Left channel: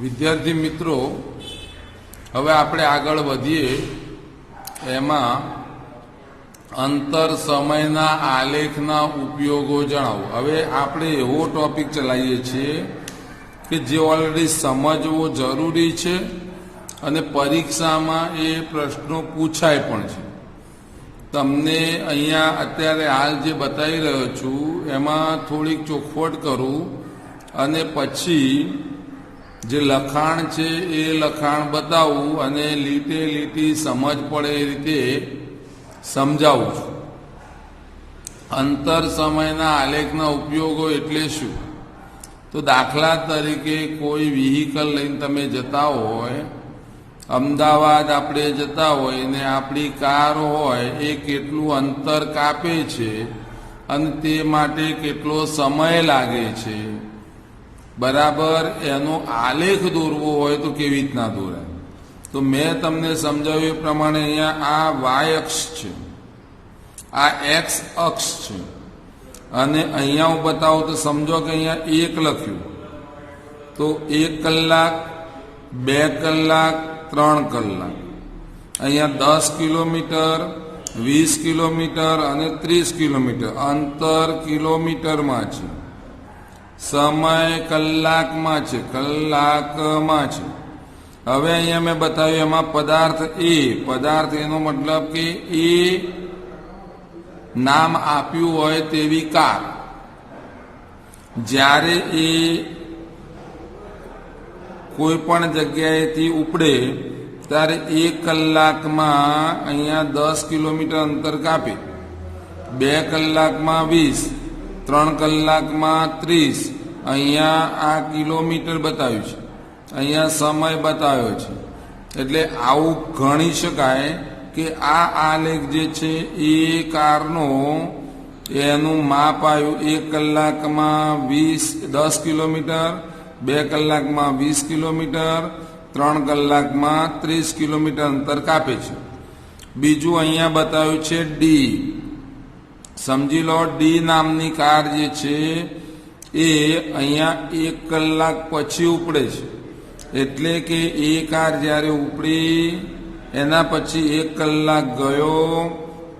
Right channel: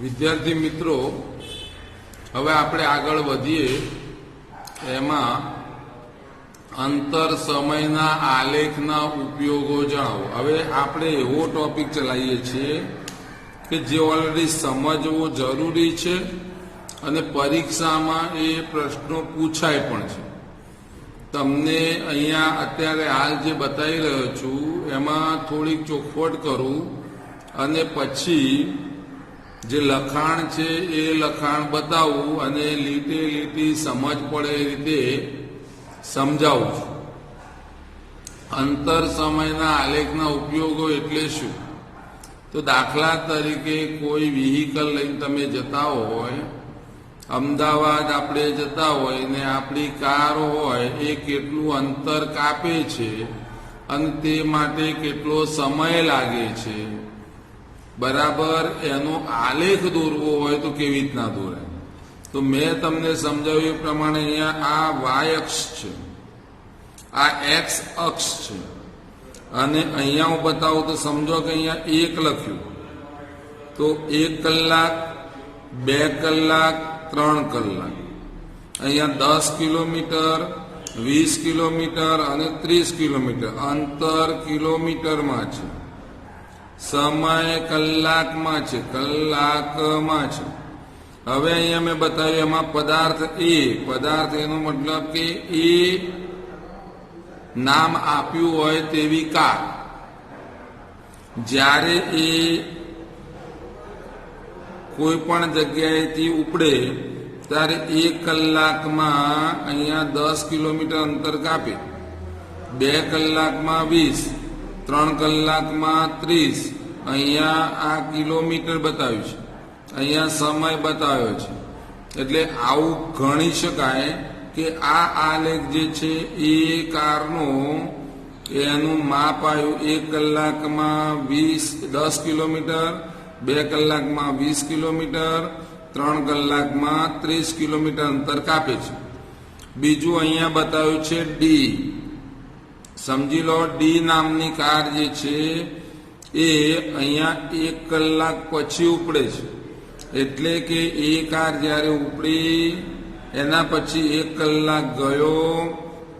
વિદ્યાર્થી મિત્રો, હવે આપણે આગળ વધીએ એમાં અંતર સમયના આલેખના ઉપયોગો જણાવો. હવે આપણે એવો ટોપિક ચલાવીએ છીએ કે જે ઓલરેડી સમજવો જરૂરી છે અને પરીક્ષામાં એ પ્રશ્નો પૂછાય પણ છે. તમને અહીંયા અત્યારે હાલ જે બતાવી રહ્યો છું એમાં થોડીક ચોખવટ કરું અને પછી જે લખાણ છે એ લખાણ બતાવું અને લીટે લીટી સમજ પડે એ રીતે સમજાવું છું. અંતર સમયના આલેખના ઉપયોગો એટલે શું? તો દાખલા તરીકે કોઈ વ્હીકલ લઈને તમે જતા હોય, અમદાવાદ આપણે જતા હોય ને આપણી કાર હોય એ કેટલું અંતર કાપે છે અને તે માટે કેટલો સમય લાગે છે, બરાબર એનો આલેખ દોરવો હોય તો કેવી રીતના દોરાય? તો મેં તમને સમજાવ્યું એ પ્રમાણે અહીંયા આ વાય અક્ષ છે, આ એક્સ અક્ષ છે અને અહીંયા હું બતાવું તો સમજો કે અહીંયા 1 લખ્યું તો 1 કલાક, 2 કલાક, 3 કલાક. અહીંયા 10 કિલોમીટર, 20 કિલોમીટર અને 30 કિલોમીટર અંતર કિલોમીટરમાં છે, સમય કલાકમાં છે, કલાકમાં છે. હવે અહીંયા મેં બતાવ્યું એમાં પદાર્થ એનો મતલબ કે એ નામ આપ્યું હોય તેવી કાર જ્યારે એ કોઈ પણ જગ્યાએથી ઉપડે ત્યારે 1 કલાકમાં અહીંયા 10 કિલોમીટર અંતર કાપે, 2 કલાકમાં 20, 3 કલાકમાં 30. અહીંયા આ કિલોમીટર બતાવ્યું છે, અહીંયા સમય બતાવ્યો છે. એટલે આવું ગણી શકાય કે આ આલેખ જે છે એ કારનો એનું માપ આવ્યું 1 કલાકમાં 10 કિલોમીટર, 2 કલાકમાં 20 કિલોમીટર, 3 કલાકમાં 30 કિલોમીટર અંતર કાપે છે. બીજું અહીંયા બતાવ્યું છે ડી. સમજી લો ડી નામની કાર જે છે એ અહીંયા 1 કલાક પછી ઉપડે છે. એટલે કે એ કાર જ્યારે ઉપડી એના પછી 1 કલાક ગયો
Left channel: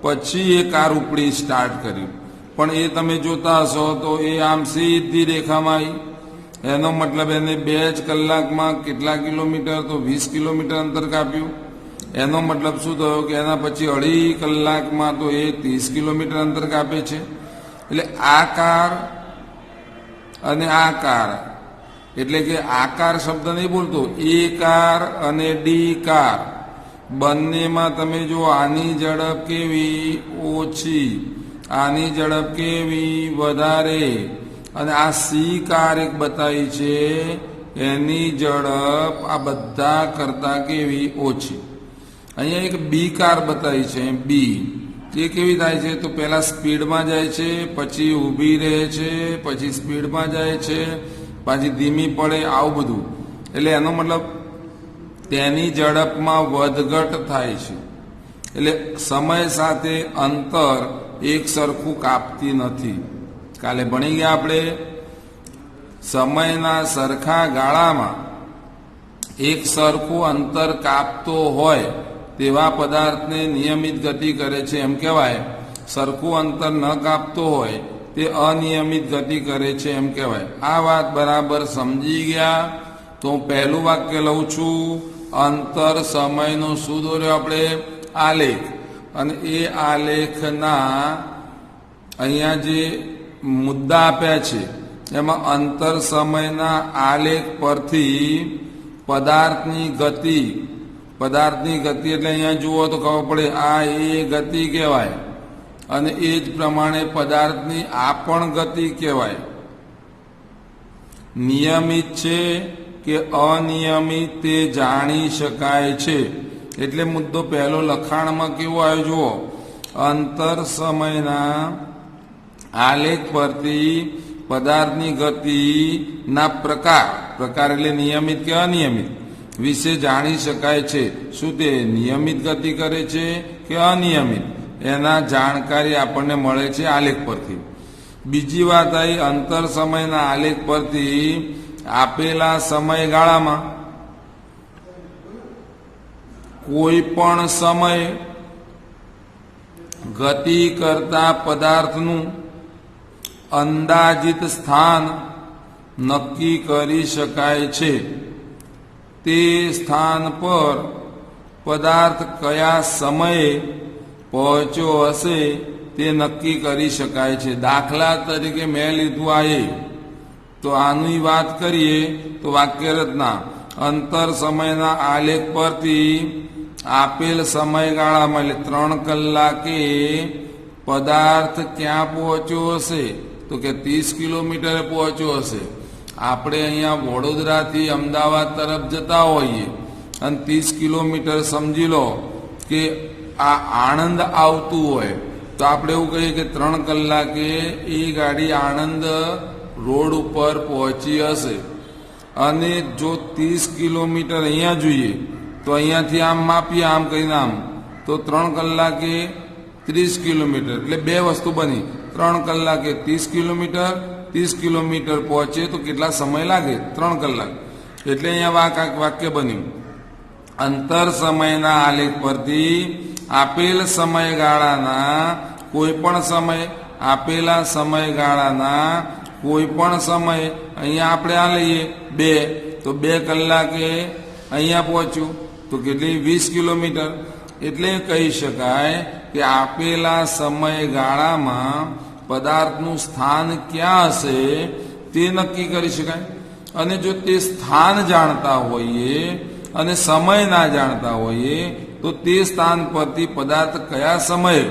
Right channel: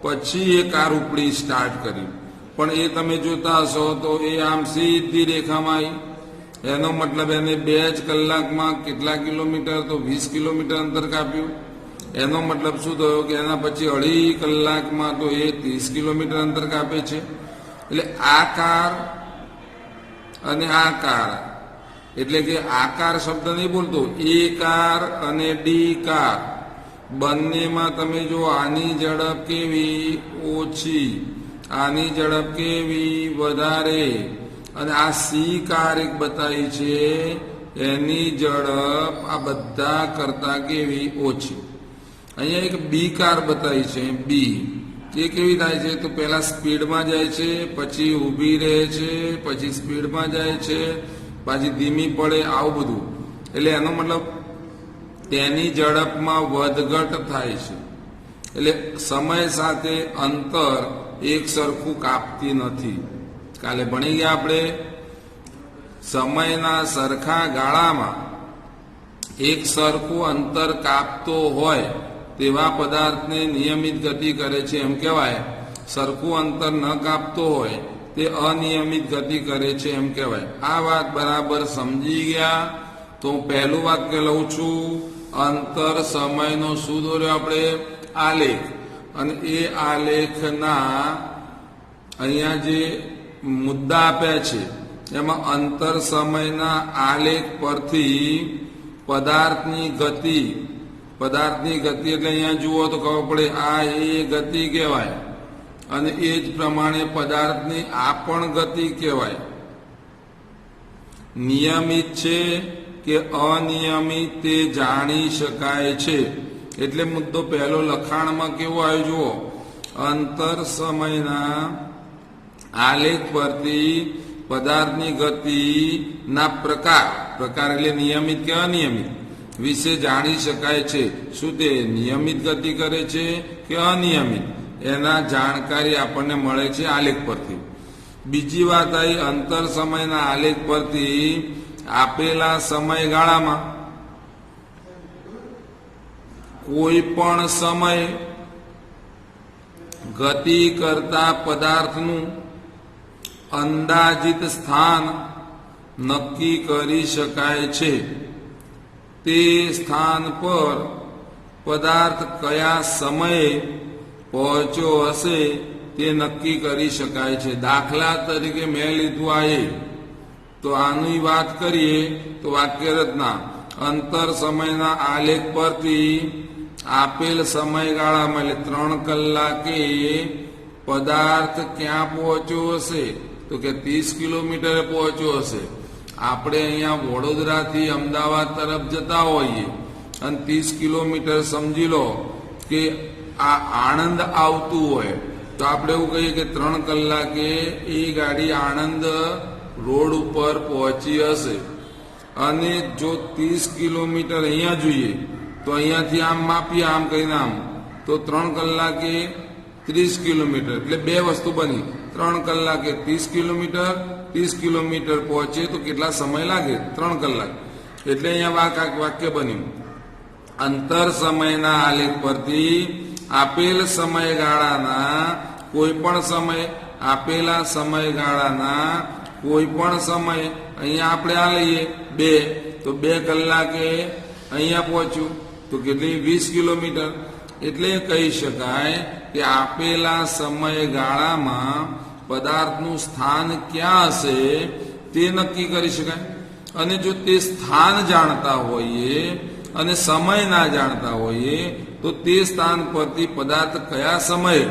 પછી એ કાર ઉપડી સ્ટાર્ટ કર્યું. પણ એ તમે જોતા હશો તો એ આમ સીધી રેખામાં આવી. એનો મતલબ એને 2 જ કલાકમાં કેટલા કિલોમીટર? તો 20 કિલોમીટર અંતર કાપ્યું. એનો મતલબ શું થયો કે એના પછી 2.5 કલાકમાં તો એ 30 કિલોમીટર અંતર કાપે છે. એટલે આ કાર અને આ કાર, એટલે કે આકાર શબ્દ નહીં બોલતો, એ કાર અને ડી કાર બંનેમાં તમે જો આની ઝડપ કેવી? ઓછી. આની ઝડપ કેવી? વધારે. અને આ સી કાર એક બતાવી છે એની ઝડપ આ બધા કરતા કેવી? ઓછી. અહીંયા એક બી કાર બતાવી છે બી. એ કેવી થાય છે? તો પહેલા સ્પીડમાં જાય છે, પછી ઊભી રહે છે, પછી સ્પીડમાં જાય છે, પાછી ધીમી પડે, આવું બધું. એટલે એનો મતલબ તેની ઝડપમાં વધઘટ થાય છે. એટલે સમય સાથે અંતર એક સરખું કાપતી નથી. કાલે ભણી ગયા આપણે સમયના સરખા ગાળામાં એક સરખું અંતર કાપતો હોય તેવા પદાર્થને નિયમિત ગતિ કરે છે એમ કહેવાય. સરખું અંતર ન કાપતો હોય તે અનિયમિત ગતિ કરે છે એમ કહેવાય. આ વાત બરાબર સમજી ગયા? તો હું પહેલું વાક્ય લઉં છું. અંતર સમયનો શું દોર્યો આપણે? આલેખ. અને એ આલેખના અહીંયા જે મુદ્દા આપ્યા છે એમાં અંતર સમયના આલેખ પરથી પદાર્થની ગતિ એટલે અહીંયા જુઓ તો ખબર પડે આ એ ગતિ કહેવાય અને એ જ પ્રમાણે પદાર્થની આ પણ ગતિ કહેવાય. નિયમિત છે કે અનિયમિત તે જાણી શકાય છે. એટલે મુદ્દો પહેલો લખાણમાં કેવો આવ્યો જુઓ? અંતર સમયના આલેખ પરથી પદાર્થની ગતિના પ્રકાર એટલે નિયમિત કે અનિયમિત વિશે જાણી શકાય છે. શું તે નિયમિત ગતિ કરે છે કે અનિયમિત? એના જાણકારી આપણને મળે છે આલેખ પરથી. બીજી વાત આવી અંતર સમયના આલેખ પરથી આપેલા સમયગાળામાં કોઈ પણ સમય ગતિ કરતા પદાર્થનું અંદાજિત સ્થાન નક્કી કરી શકાય છે. તે સ્થાન પર પદાર્થ કયા સમયે પહોંચ્યો હશે તે નક્કી કરી શકાય છે. દાખલા તરીકે મેં લીધું આ તો આની વાત કરીએ તો વાક્યરચના અંતર સમયના આલેખ પરથી આપેલ સમયગાળામાં એટલે 3 કલાકે પદાર્થ ક્યાં પહોંચ્યો હશે તો કે 30 કિલોમીટરે પહોંચ્યો હશે. આપણે અહીંયા વડોદરાથી અમદાવાદ તરફ જતા હોઈએ અને 30 કિલોમીટર સમજી લો કે આ આણંદ આવતું હોય તો આપણે એવું કહીએ કે 3 કલાકે એ ગાડી આણંદ રોડ ઉપર પહોંચી હશે. અને જો 30 કિલોમીટર અહીંયા જોઈએ તો અહીંયાથી આમ માપીએ આમ કરીને આમ તો 3 કલાકે 30 કિલોમીટર એટલે બે વસ્તુ બની. 3 કલાકે 30 કિલોમીટર 30 કિલોમીટર પહોંચે તો કેટલા સમય લાગે 3 કલાક. એટલે અહીંયા વાક્ય બન્યું અંતર સમયના આલેખ પરથી આપેલ સમયગાળાના કોઈ પણ સમય આપેલા સમયગાળાના કોઈ પણ સમય અહીંયા આપણે આ લઈએ 2 તો 2 કલાકે અહીંયા પહોંચ્યું તો કેટલી 20 કિલોમીટર. એટલે કહી શકાય કે આપેલા સમયગાળામાં પદાર્થનું સ્થાન ક્યાં હશે તે નક્કી કરી શકાય. અને જો તે સ્થાન જાણતા હોઈએ અને સમય ના જાણતા હોઈએ તો તે સ્થાન પરથી પદાર્થ કયા સમયે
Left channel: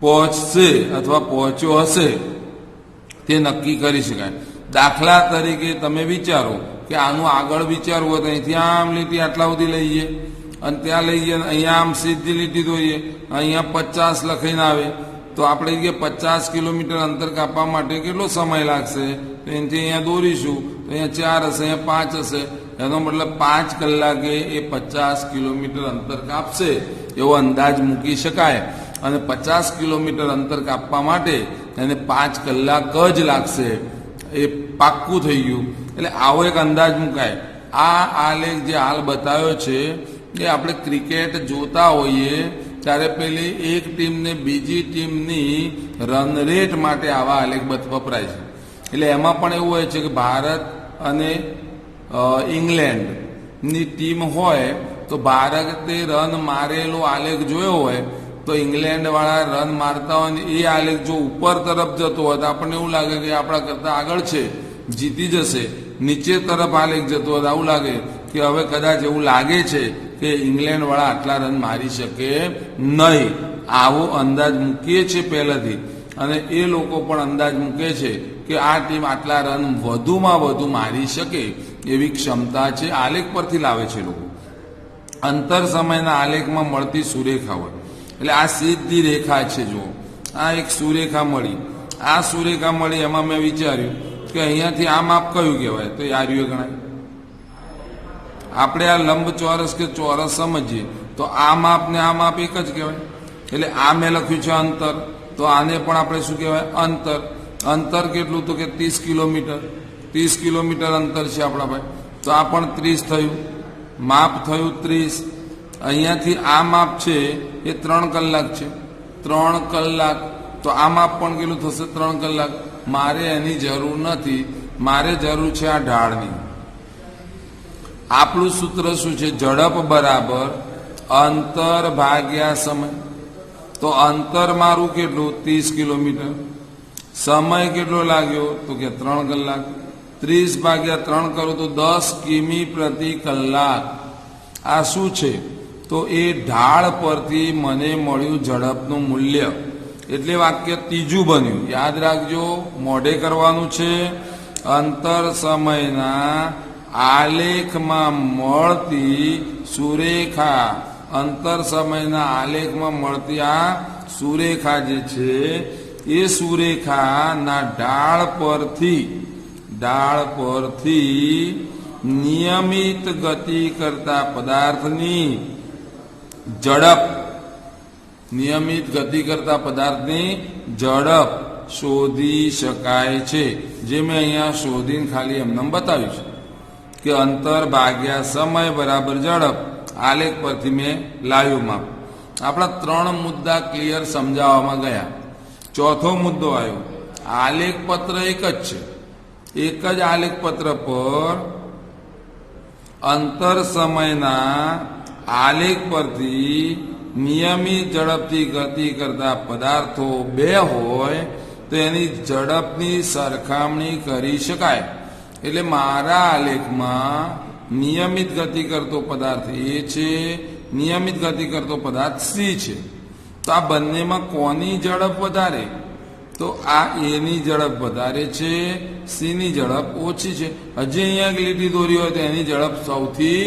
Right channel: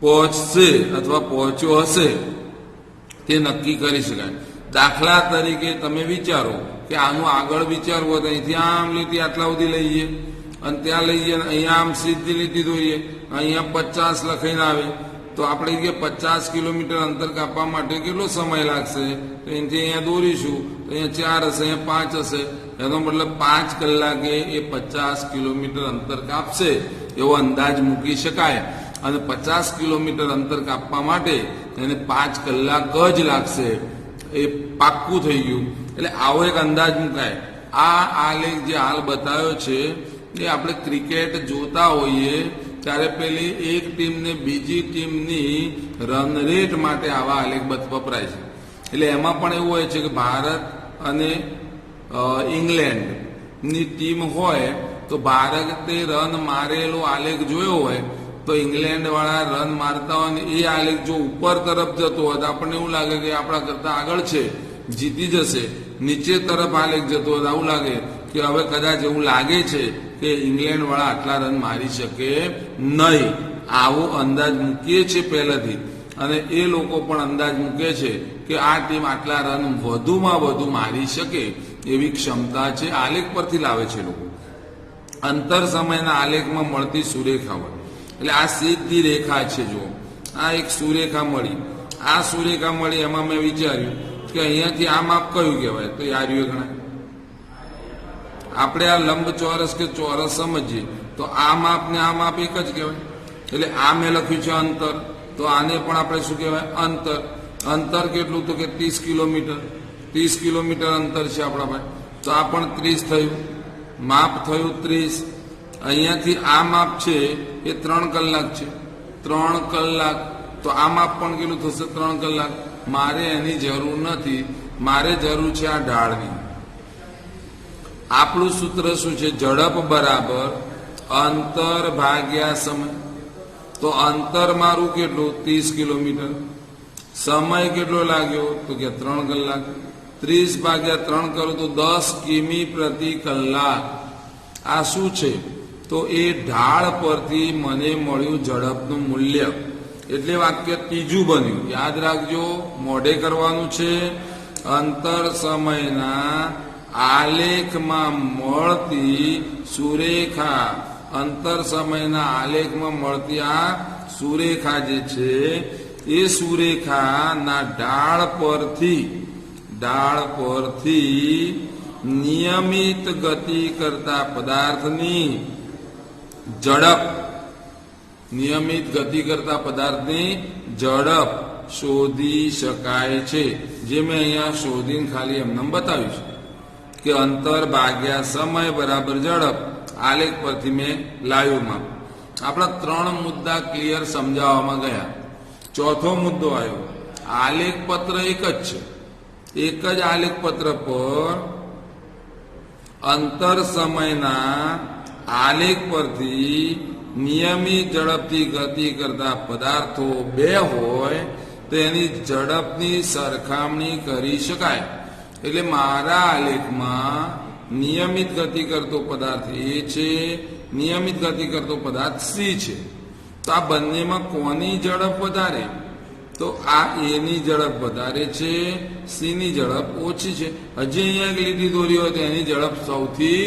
પહોંચશે અથવા પહોંચ્યો હશે તે નક્કી કરી શકાય. દાખલા તરીકે તમે વિચારો કે આનું આગળ વિચારવું હોય તો અહીંથી આમ લીટી આટલા સુધી લઈએ અને ત્યાં લઈએ અહીંયા આમ સીધી લીટી દોરીએ અહીંયા 50 લખીને આવે તો આપણે કે 50 કિલોમીટર અંતર કાપવા માટે કેટલો સમય લાગશે તો એનાથી અહીંયા દોરીશું તો અહીંયા 4 હશે અહીંયા 5 હશે એનો મતલબ 5 કલાકે એ 50 કિલોમીટર અંતર કાપશે એવો અંદાજ મૂકી શકાય. અને 50 કિલોમીટર અંતર કાપવા માટે એને 5 કલાક જ લાગશે એ પાક્કું થઈ ગયું. એટલે આવો એક અંદાજ મુકાય. આ આલેખ જે હાલ બતાવ્યો છે એ આપણે ક્રિકેટ જોતા હોઈએ ત્યારે પેલી એક ટીમને બીજી ટીમની રન રેટ માટે આવા આલેખ વપરાય છે. એટલે એમાં પણ એવું હોય છે કે ભારત અને ઇંગ્લેન્ડની ટીમ હોય તો ભારતે રન મારેલો આલેખ જોયો હોય તો ઇંગ્લેન્ડવાળા રન મારતા હોય ને એ આલેખ જો ઉપર તરફ જતો હોય તો આપણને એવું લાગે કે આપણા કરતાં આગળ છે જીતી જશે. નીચે તરફ આલેખ જતો હોય તો આવું લાગે કે હવે કદાચ એવું લાગે છે કે ઇંગ્લેન્ડવાળા આટલા રન મારી શકે નહીં. આવો અંદાજ મૂકીએ છીએ પહેલાથી અને એ લોકો પણ અંદાજ મૂકે છે કે આ ટીમ આટલા રન વધુમાં વધુ મારી શકે એવી ક્ષમતા છે. આલેખ પરથી લાવે છે લોકો. અંતર સમયના આલેખમાં મળતી સુરેખા હોય એટલે આ સીધી રેખા છે. જો આ એક સુરેખા મળી આ સુરેખા મળી એમાં મેં વિચાર્યું કે અહીંયાથી આ માપ કયું કહેવાય તો આ રહ્યું ગણાય. આપણે આ લંબચોરસ કે ચોરસ સમજીએ તો આ માપ ને આ માપ એક જ કહેવાય. એટલે આ મેં લખ્યું છે અંતર તો આને પણ આપણે શું કહેવાય અંતર. અંતર કેટલું તો કે 30 કિલોમીટર 30 કિલોમીટર અંતર છે આપણા ભાઈ તો આ પણ 30 થયું માપ થયું 30. અહીંયાથી આ માપ છે એ 3 કલાક છે 3 કલાક તો આ માપ પણ કેટલું થશે 3 કલાક. મારે એની જરૂર નથી મારે જરૂર છે આ ઢાળની. આપણું સૂત્ર શું છે ઝડપ બરાબર અંતર ભાગ્યા સમય. તો અંતર મારું કેટલું 30 કિલોમીટર સમય કેટલો લાગ્યો તો કે 3 કલાક 30 ભાગ્યા 3 કરું તો 10 કિમી પ્રતિ કલાક. આ શું છે તો એ ઢાળ પરથી મને મળ્યું ઝડપનું મૂલ્ય. એટલે વાક્ય ત્રીજું બન્યું. યાદ રાખજો મોઢે કરવાનું છે. અંતર સમયના આલેખમાં મળતી સુરેખા અંતર સમયના આલેખમાં મળતી આ સુરેખા જે છે એ સુરેખાના ઢાળ પરથી નિયમિત ગતિ કરતા પદાર્થની ઝડપ શોધી શકાય છે, જે મેં અહીંયા શોધીને ખાલી એમને બતાવ્યું છે કે અંતર ભાગ્યા સમય બરાબર ઝડપ. આલેખ પરથી મેં લાવ્યું માપ. આપણા 3 મુદ્દા ક્લિયર સમજાવવામાં ગયા. ચોથો મુદ્દો આવ્યો, આલેખ પત્ર એક જ છે. એક જ આલેખ પત્ર પર અંતર સમયના આલેખ પરથી નિયમિત ઝડપથી ગતિ કરતા પદાર્થો 2 હોય તો એની ઝડપની સરખામણી કરી શકાય. એટલે મારા આલેખમાં નિયમિત ગતિ કરતો પદાર્થ એ છે, નિયમિત ગતિ કરતો પદાર્થ સી છે. તો આ બંનેમાં કોની ઝડપ વધારે? તો આ એની ઝડપ વધારે છે, સીની ઝડપ ઓછી છે. હજી અહીંયા એક લીટી દોરી હોય તો એની ઝડપ સૌથી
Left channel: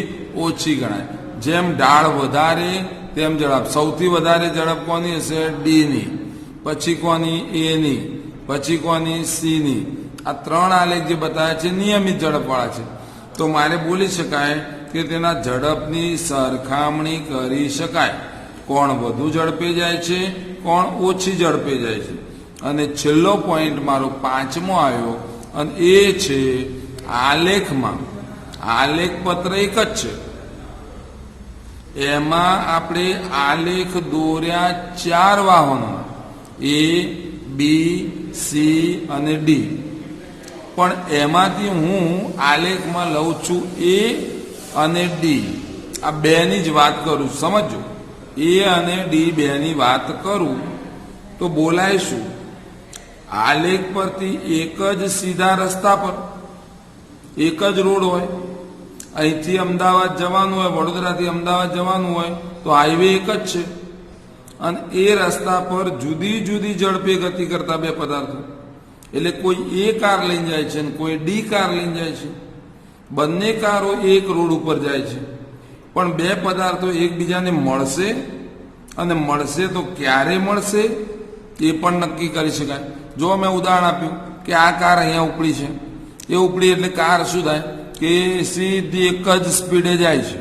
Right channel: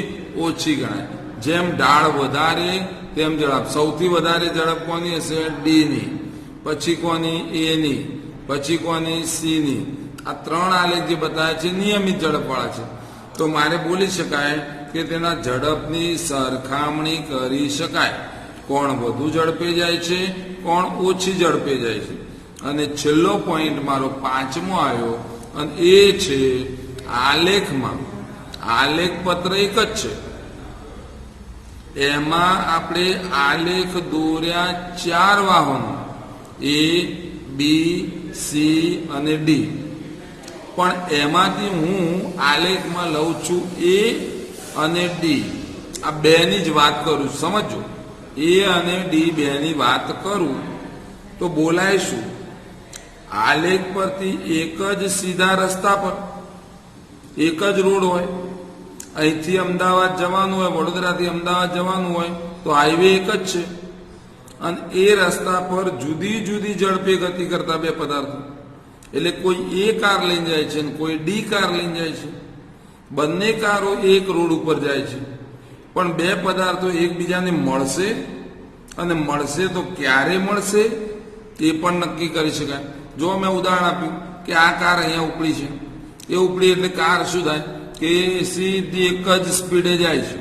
ઓછી ગણાય. જેમ ઢાળ વધારે તેમ ઝડપ. સૌથી વધારે ઝડપ કોની હશે? ડીની. પછી કોની? એની. પછી કોની? સીની. આ 3 આલેખ જે બતાવે છે નિયમિત ઝડપવાળા છે. તો મારે બોલી શકાય કે તેના ઝડપની સરખામણી કરી શકાય. કોણ વધુ ઝડપે જાય છે, કોણ ઓછી ઝડપે જાય છે. અને છેલ્લો પોઈન્ટ મારો 5મો આવ્યો, અને એ છે આલેખમાં આલેખ પત્ર એક જ છે. એમાં આપણે આલેખ દોર્યા 4 વાહનો, એ, બી, સી અને ડી. પણ એમાંથી હું આલેખમાં લઉં છું એ અને ડી. આ બેની જ વાત કરું છું, સમજો. એ અને ડી બેની વાત કરું તો બોલાય શું? આલેખ પરથી એક જ સીધા રસ્તા પર એક જ રોડ હોય. અહીંથી અમદાવાદ જવાનું હોય, વડોદરાથી અમદાવાદ જવાનું હોય તો હાઈવે એક જ છે. અને એ રસ્તા પર જુદી જુદી ઝડપે ગતિ કરતા 2 પદાર્થો. એટલે કોઈ એ કાર લઈને જાય છે અને કોઈ ડી કાર લઈને જાય છે. બંને કારો એક રોડ ઉપર જાય છે, પણ 2 પદાર્થો એકબીજાને મળશે, અને મળશે તો ક્યારે મળશે તે પણ નક્કી કરી શકાય. જો મેં ઉદાહરણ આપ્યું કે આ કાર અહીંયા ઉપડી છે, એ ઉપડી એટલે કાર શું થાય કે સીધી એક જ સ્પીડે જાય છે.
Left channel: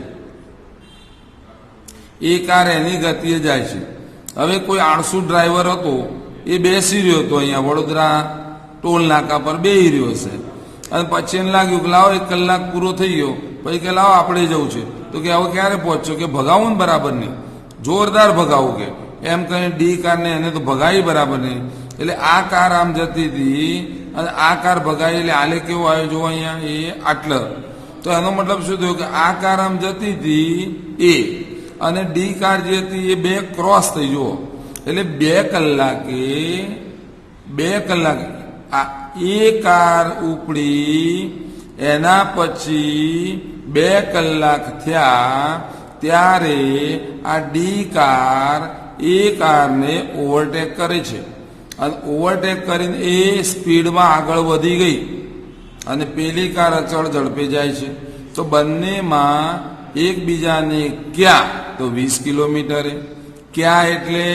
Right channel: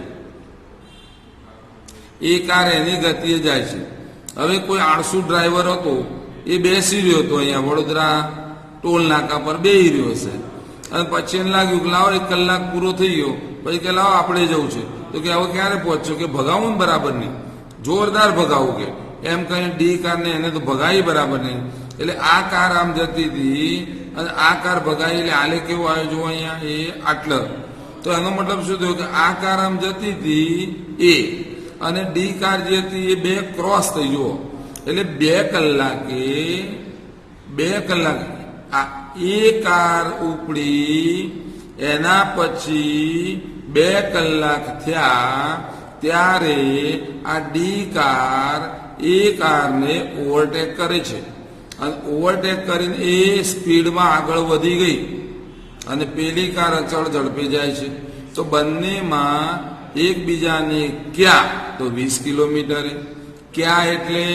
એ કાર એની ગતિએ જાય છે. હવે કોઈ આળસુ ડ્રાઈવર હતો, એ બેસી રહ્યો હતો અહીંયા વડોદરા ટોલ નાકા પર બેસી રહ્યો છે, અને પછી એને લાગ્યું કે લાવો 1 કલાક પૂરો થઈ ગયો, પછી કે લાવો આપણે જવું છે. તો કે હવે ક્યારે પહોંચશો? કે ભગાવું ને બરાબર નહીં, જોરદાર ભગાવું. કે એમ કહીને ડી કારને એને તો ભગાવી બરાબર નહીં. એટલે આ કાર આમ જતી હતી અને આ કાર ભગાવી, એટલે આલેખ કેવું આવ્યું જો અહીંયા? એ આટલો. તો એનો મતલબ શું થયો કે આ કાર આમ જતી હતી એ, અને ડી કાર જે હતી એ 2 ક્રોસ થઈ ગયો. એટલે 2 કલાકે આ એ કાર ઉપડી, એના પછી 2 કલાક થયા ત્યારે આ ડી કાર એ કારને ઓવરટેક કરે છે. અને ઓવરટેક કરીને એ સ્પીડમાં આગળ વધી ગઈ, અને પેલી કાર અચળ ઝડપે જાય છે. તો બંનેમાં એકબીજાને ક્યાં? તો 20 કિલોમીટરે. ક્યાં એટલે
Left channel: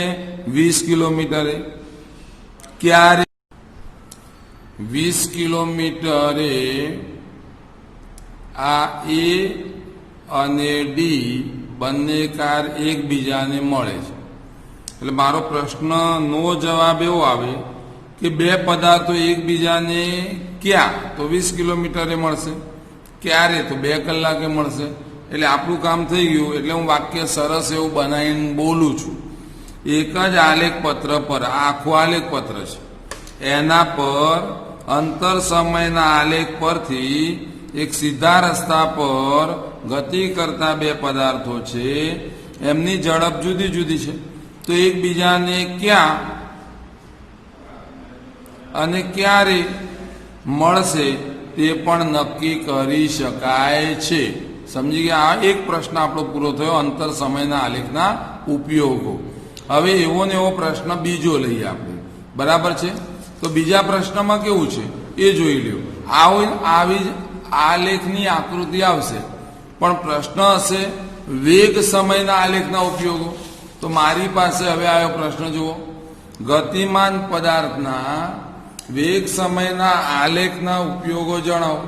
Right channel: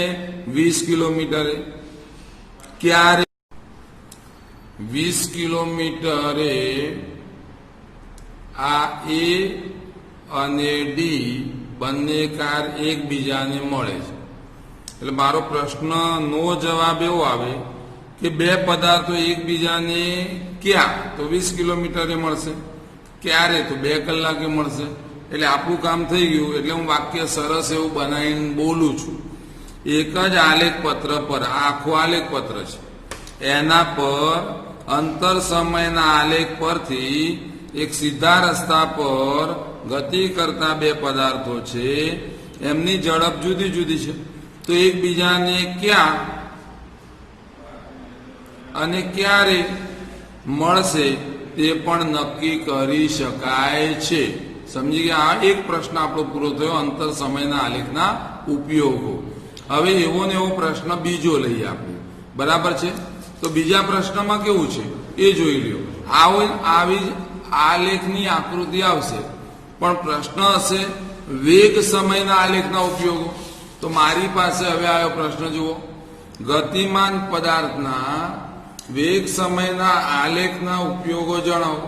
20 કિલોમીટરે. ક્યારે? 20 કિલોમીટરે આ એ અને ડી બંને કાર એકબીજાને મળે છે. એટલે મારો પ્રશ્ન નો જવાબ એવો આવે કે 2 પદાર્થો એકબીજાને ક્યાં? તો 20 કિલોમીટરે મળશે. ક્યારે? તો 2 કલાકે મળશે. એટલે આપણું કામ થઈ ગયું. એટલે હું વાક્ય સરસ એવું બનાવીને બોલું છું. એક જ આલેખ પત્ર પર, આખું આલેખ પત્ર છે, એના પર અંતર સમયના આલેખ પરથી એક સીધા રસ્તા પર ગતિ કરતા 2 પદાર્થો છે, એમની ઝડપ જુદી જુદી છે. તો એકબીજાને ક્યાં અને ક્યારે મળશે તે પણ નક્કી કરી શકાય છે. સમજી ગયા? આ એક પ્રશ્ન આપણો પૂરો થયો, અંતર સમયના આલેખના ઉપયોગો. હવે એવો ને એવો પ્રશ્ન બીજો લઈએ આપણે, બરાબર છે? તો બીજા પ્રશ્નમાં કેવું છે એ જોઈ લ્યો. આવી આલેખની આકૃતિ આવશે, પણ પ્રશ્ન હશે વેગ સમયના આલેખના ઉપયોગો. તો મારી પાસે હવે આવ્યો પ્રશ્ન જુઓ, ગતિમાન પદાર્થના વેગ સમયના આલેખના ઉપયોગો જણાવો.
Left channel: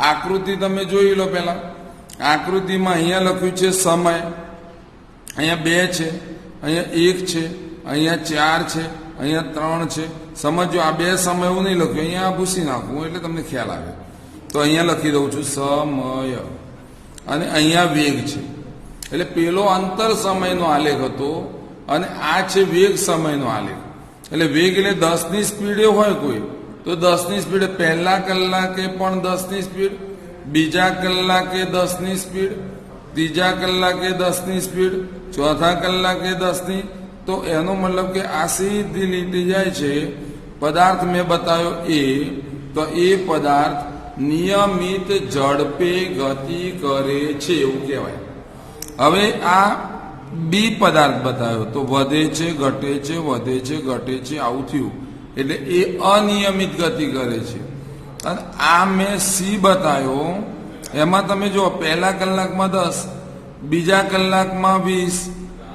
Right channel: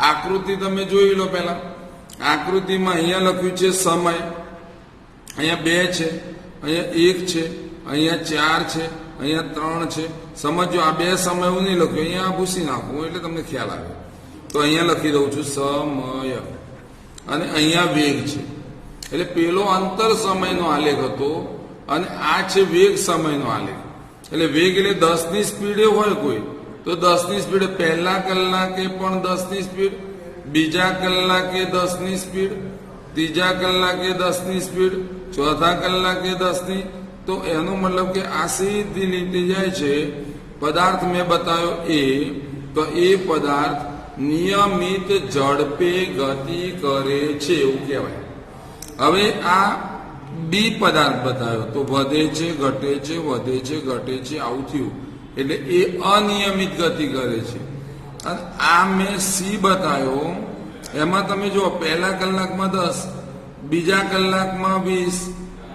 આકૃતિ તમે જોઈ લો. પહેલા આકૃતિમાં અહીંયા લખ્યું છે સમય, અહીંયા 2 છે, અહીંયા 1 છે, અહીંયા 4 છે, અહીંયા 3 છે. સમજો આ બે સમય એવું નહીં લખ્યું, અહીંયા ભૂસી નાખવું એટલે તમને ખ્યાલ આવે. તો અહીંયા લખી દઉં છું સમય, અને અહીંયા વેગ છે. એટલે પેલો અંતર સમયનો આલેખ હતો અને આ છે વેગ સમયનો આલેખ. એટલે વેગ એટલે 10ની સ્પીડે હોય કોઈ તો 10ની સ્પીડે પહેલા કલાકે પણ 10ની સ્પીડ, બીજા કલાકે 10ની સ્પીડ, ત્રીજા કલાકે 10ની સ્પીડ, ચોથા કલાકે 10ની. તો એનો મતલબ કે આ સીધી લીટી જાય છે. પદાર્થ મેં બતાવ્યો તો એ પદાર્થ નિયમિત ઝડપે ગતિ કરે છે એવું કહેવાય. હવે આ બી પદાર્થ બતાવ્યો તો વધે છે, ઘટે છે, વધે છે, ઘટે છે, આવું થયું. એટલે એ અનિયમિત ગતિ કરે છે. અને આ મેં સી બતાવ્યો, એમાં તમે જો પહેલા કલાકમાં 10, બીજા કલાકમાં 20,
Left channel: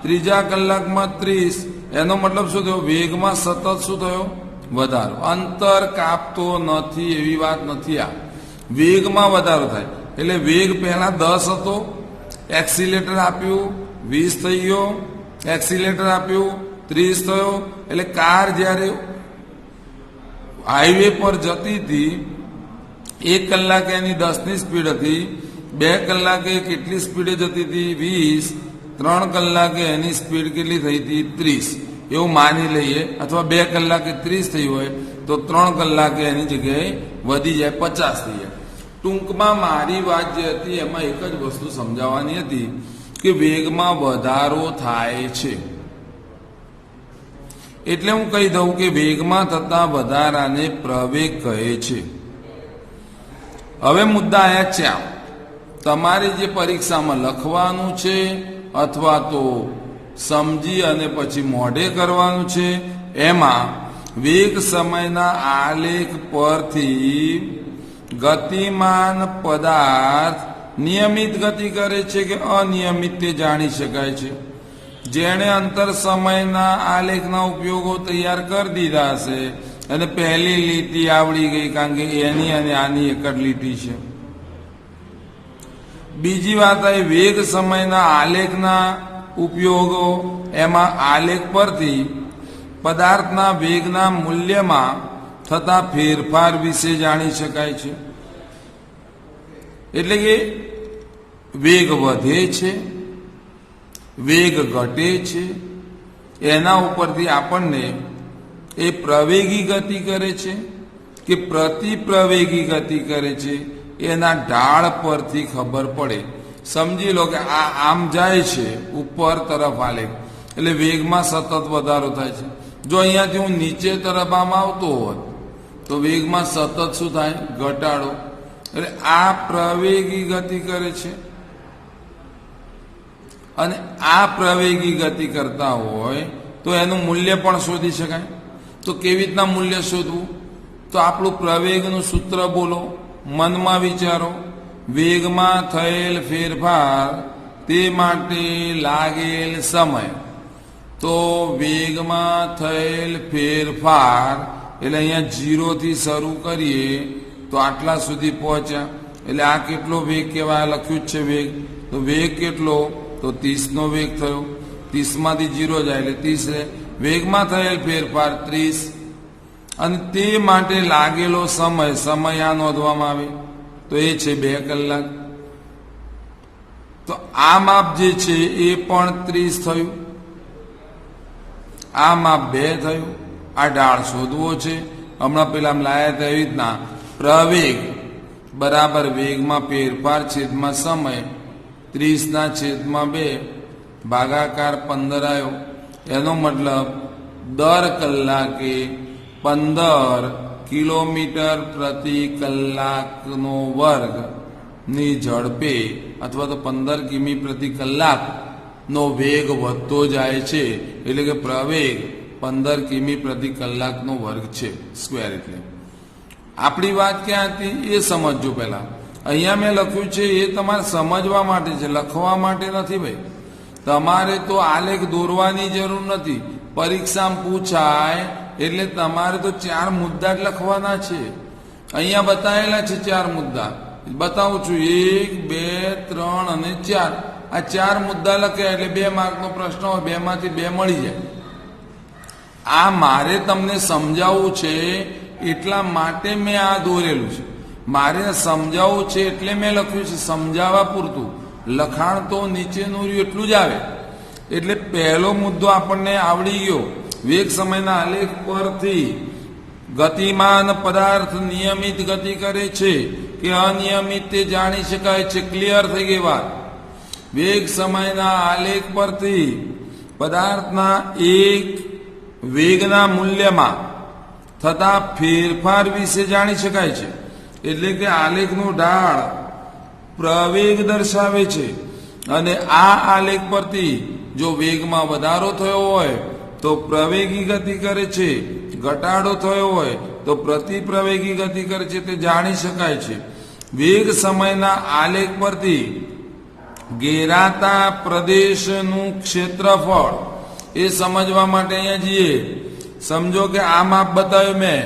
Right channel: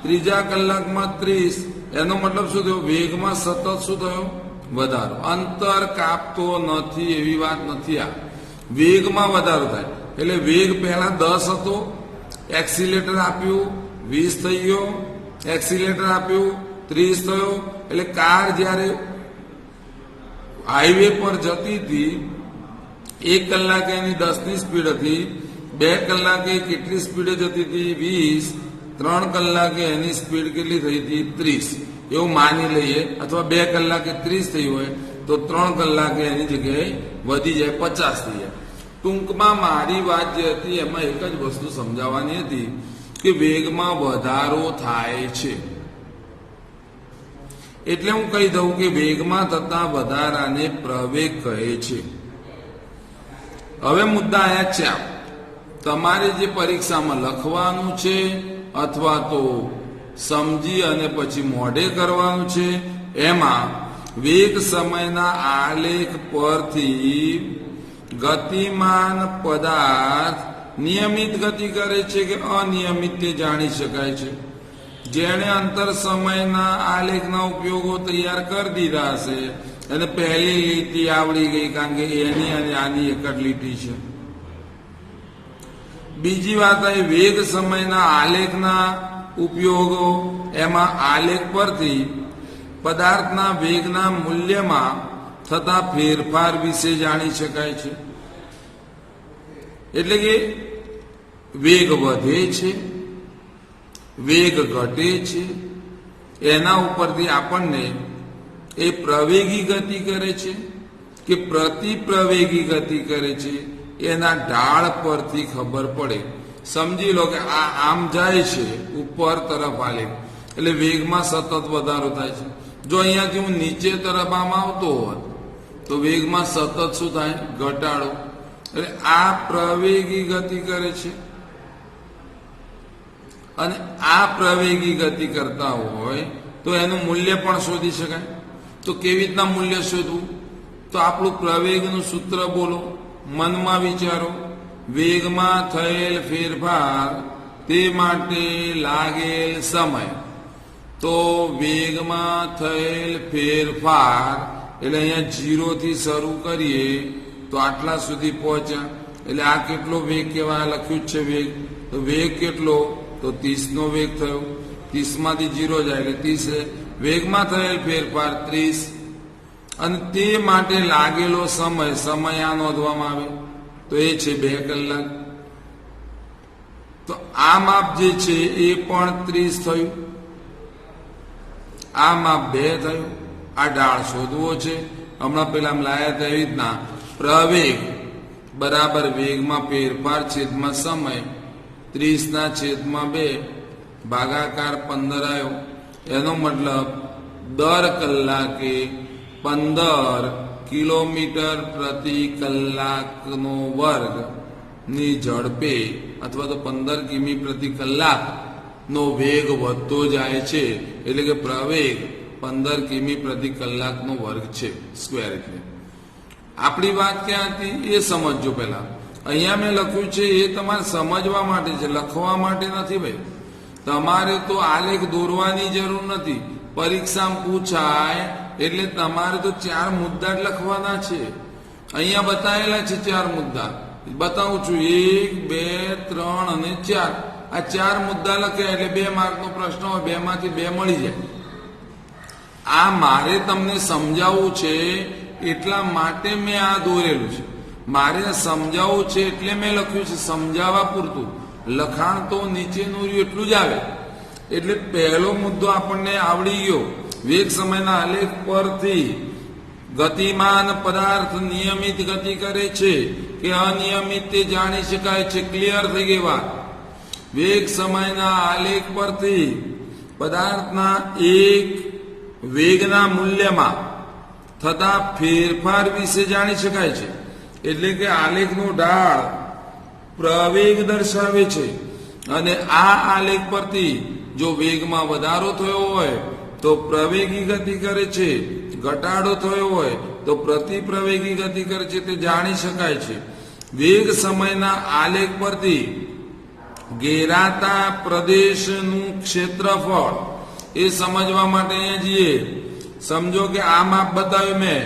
ત્રીજા કલાકમાં 30. એનો મતલબ શું થયો? વેગમાં સતત શું થયો? વધારો. અંતર કાપતો નથી એવી વાત નથી. આ વેગમાં વધારો થાય. એટલે વેગ પહેલા 10 હતો, એક્સિલેટર આપ્યું 20 થઈ ગયો, એક્સિલેટર આપ્યું 30 થયો. એટલે કાર જ્યારે હાઈવે પર જતી હતી 1 કલાકે એની 10ની સ્પીડ હતી, 2 કલાકે કેટલી સ્પીડે જતી હતી? 20. 3 કલાકે એની સ્પીડ કેટલી થઈ હતી? 30. એવું માની લઈએ. અથવા 2 કલાકે 30 થઈ હોય તો 3 કલાકે એની જગ્યાએ વધી જાય 50 થઈ જાય. ટૂંકમાં મારી વાત જે હતી એમાં એક જ વસ્તુ સમજાવવાની હતી કે વેગમાં વધારો થાય છે. એટલે હું કહી દઉં કે વેગમાં થતા વધારાને પ્રવેગ કહે છે. હવે મુદ્દા આયા છે, તમારે જે પરીક્ષામાં લખવાનું છે અથવા તો સમજી અને પછી મોઢે કરવાનું છે, એમાં વેગ સમયના આલેખ પરથી ગતિમાન પદાર્થ નિયમિત ગતિ કરે છે કે અનિયમિત તે જાણી શકાય છે. જેણે અંતર સમયના આલેખના ઉપયોગો તૈયાર કરી દીધા હશે અને પહેલી લીટી આવડી ગઈ, કારણ કે એની અને આની એક જ લીટી છે. બીજી વાત આવી વેગ સમયના આલેખના ઉપયોગો, એમાં આલેખ પરથી પદાર્થના વેગના મૂલ્યમાં થતા ફેરફાર વિશે જાણી શકાય છે. એટલે કે વેગ વધે છે, વેગ ઘટે છે, એના ઉપરથી આપણને એ પ્રવેગી ગતિ કરે છે કે પ્રતિપ્રવેગી ગતિ કરે છે એના ઢાળ પરથી ખબર પડે. સમજી લો કે આ આમ જાય છે ઉપર તરફ આલેખ, એટલે વેગમાં સતત વધારો થાય છે. જો અહીંયાથી હું નીચે તરફ આમ આવતો હોત તો વેગમાં સતત શું થાય? ઘટાડો. એટલે આ પ્રવેગી ગતિ કરે છે અને આ પ્રવેગી ગતિ કરતા હોય તો એનું મૂલ્ય પણ શોધી શકાય. તો કેવી રીતના મૂલ્ય શોધવું? તો આપણું પ્રવેગનું સૂત્ર બોલો, મનમાં વિચારો. વેગમાં થયેલ ફેરફાર તે માટે લાગેલ સમય. તો વેગમાં થયેલ ફેરફાર એટલે અહીંયા 0 થી શરૂ કરીએ તો આટલા સુધી પહોંચ્યા. એટલે આ કેટલો વેગ કહેવાય? લખ્યું જ છે વેગ. તો વેગ કેટલો? તો 30નો વેગ થયો. 30માંથી 0 જાય એટલે 30. વેગમાં થયેલ ફેરફાર 30. અને તે માટે લાગેલો સમય આ નોંધવામાં આવે તો એ છે 2 કલાક. તો આ માપ જે છે એ પણ 30 થયું, આ માપ 2 થયું. આ ઢાળ શોધવો છે. હમણાં પેલા લાયા હતા એવી રીતના પ્રવેગ બરાબર વેગમાં ફેરફાર છેદમાં સમય 30/2 ભાગાકાર 15 આવ્યો. એનો મતલબ દર કલાકે 15 કિલોમીટર પ્રતિ કલાકનો વર્ગ ની ઝડપે અથવા તો 15 કિમી પ્રતિ કલાકનો વેગ વધતો જાય છે. એટલે કે પ્રવેગ 15 કિમી પ્રતિ કલાકનો વર્ગ છે સ્ક્વેર. એટલે આપણી વાત ક્યાં હતી એ સમજજો. પહેલા અહીંયા મેં લખ્યું છે એ તમારે સમજવા માટે છે, લખવા માટે નથી. ભાઈ તમારે તો આલેખ દોરવાની જરૂર નથી. પરીક્ષામાં પૂછાય એટલે તમારે તો 4 મુદ્દા જ લખવાના છે. અહીંયા બતાવેલા છે 4 મુદ્દા, બતાવું છું. 1, 2, 3 અને 4. આ 4 મુદ્દા લખ્યા એટલે 2 માર્કનો પ્રશ્ન હોય, 2માંથી 2 મળી જાય. આ મારે તમને સમજાવવું છે એટલા માટે મેં આ દોરેલું છે. મારે સમજાવવું છે એટલે મેં લખ્યું છે, સમજાવવા પૂરતું. લખાણ તો નીચેનું રહ્યું એટલું જ આવે. એટલે પહેલો મુદ્દો આપણને આવડી ગયો. વેગ સમયના આલેખ પરથી ગતિમાન પદાર્થ નિયમિત ગતિ કરે છે કે અનિયમિત તે જાણી શકાય છે. ક્લિયર થઈ ગઈ વાત. વેગ સમયના આલેખ પરથી પદાર્થના એક વેગના મૂલ્યમાં થતા ફેરફાર વિશે જાણી શકાય છે. એટલે કે આલેખનો ઢાળ પ્રવેગ દર્શાવે છે અને આ આલેખ પરથી જો વેગમાં વધારો થયો હોય તો પ્રવેગી ગતિ કરે છે, ઘટાડો થયો હોય તો પ્રતિપ્રવેગી ગતિ કરે છે તે જાણી શકાય છે. વેગ સમયના આલેખ પરથી ઘેરાતા પ્રદેશનું ક્ષેત્રફળ એ સમજવા માટે અહીંયા જઈએ. સમજો કે આ માપ બતાવ્યું મેં,